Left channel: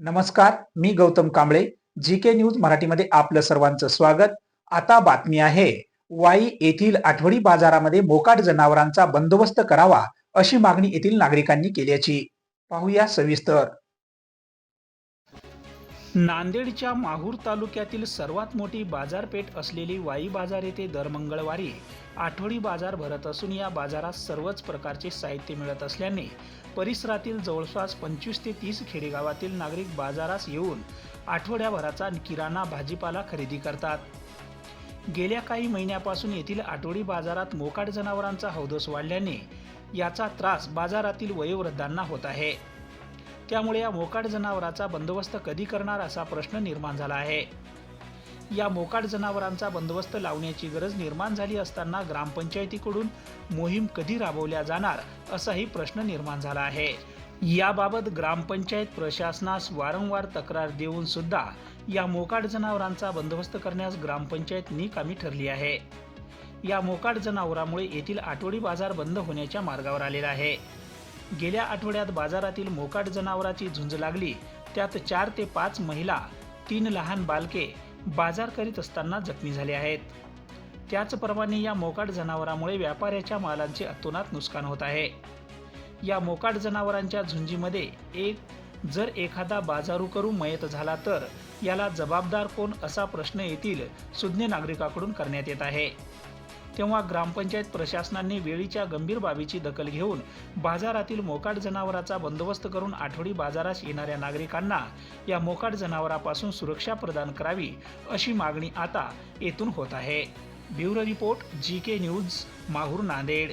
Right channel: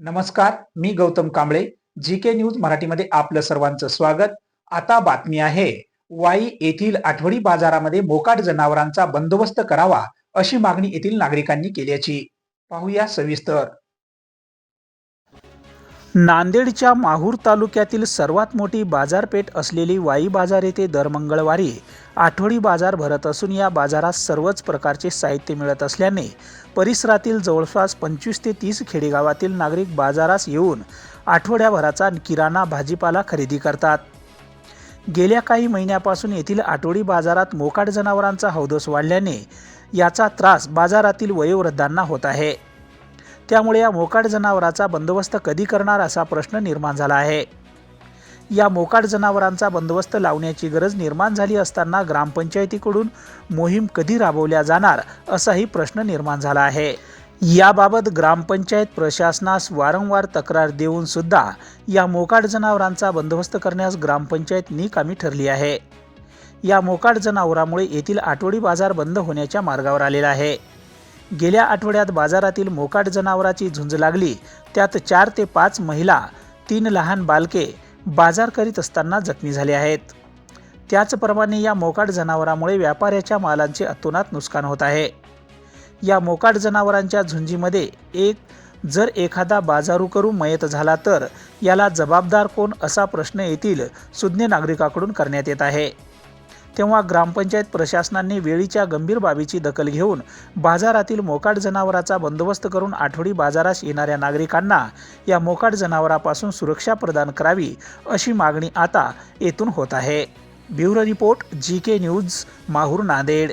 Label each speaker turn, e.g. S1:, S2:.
S1: नमस्कार मी Gautam Kamble G K news मराठीमध्ये आपलं सर्वांचं स्वागत. आता बातमी आहे वाई येथील आठवडी बाजारामध्ये मोकाट जनावरांचा बंदोबस्त करावा अशी मागणी येथील नागरिकांनी केल्याची पाहूया सविस्तर. नांदेडच्या माहूर तालुक्यातील सर्वात मोठी बाजारपेठ असलेली वाई बाजार येथे दर मंगळवारी आठवडी बाजार भरत असून या बाजारात सर्वच प्रकारचे साहित्य मिळत असल्याने परिसरातील जवळपास पंचवीस ते तीस खेडेगावातील नागरिक बाजारास येऊन आठवड्याभराचा किराणा भाजीपाला खरेदी करतात. गेल्या काही महिन्यापासून येथील आठवडी बाजारात मोकाट जनावरांचा हौदस वाढल्याने याचा त्रास बाजारातील वयोवृद्धांना होत आहे. त्यामुळे या मोकाट जनावराचा बंदोबस्त कधी करणार असा प्रश्न निर्माण झाला आहे. या मोकाट जनावरांचा बंदोबस्त लावण्याची गरज निर्माण झाली असताना ग्रामपंचायतीकडून मोहीम कधी राबवल्या जाणार असाही प्रश्न निर्माण झाला आहे. याबाबत ग्रामपंचायत प्रशासनास वारंवार तक्रार देऊन सुद्धा या मोकाट जनावरांचा बंदोबस्त करण्यास ग्रामपंचायत निकामी ठरली आहे. या मोकाट जनावरामुळे येथील आठवडी बाजार बंद होण्याच्या मार्गावर आलेला आहे. गेल्या आठवड्यात बाजारातील मोकाट जनावराची झुंज लागली. त्यात चार ते पाच महिला तीन लहान बालके बाजार करीत असताना जखमी झाले आहेत. त्याचप्रमाणे या मोकाट जनावरामुळे व्यापाऱ्याच्या मालांचे अतोनात नुकसान होत आहे. या मोकाट जनावरांच्या झुंजीमध्ये एक जर एखादा बाजारू करू मयत झाला तर याला जबाबदार कोण असा प्रश्न येथील सुज्ञ नागरिकाकडून करण्यात येत आहे. तेव्हा ग्रामपंचायत प्रशासनाने वेळीच्या गंभीर बाबीची दखल घेऊन बाजारातील मोकाट जनावराचा बंदोबस्त करून आठवडी बाजारास येणाऱ्या नागरिकांना या मोकाट जनावरापासून सुरक्षा प्रदान करावी अशी मागणी आता येथून होत आहे. Bureau report G K news Mahur Nanded.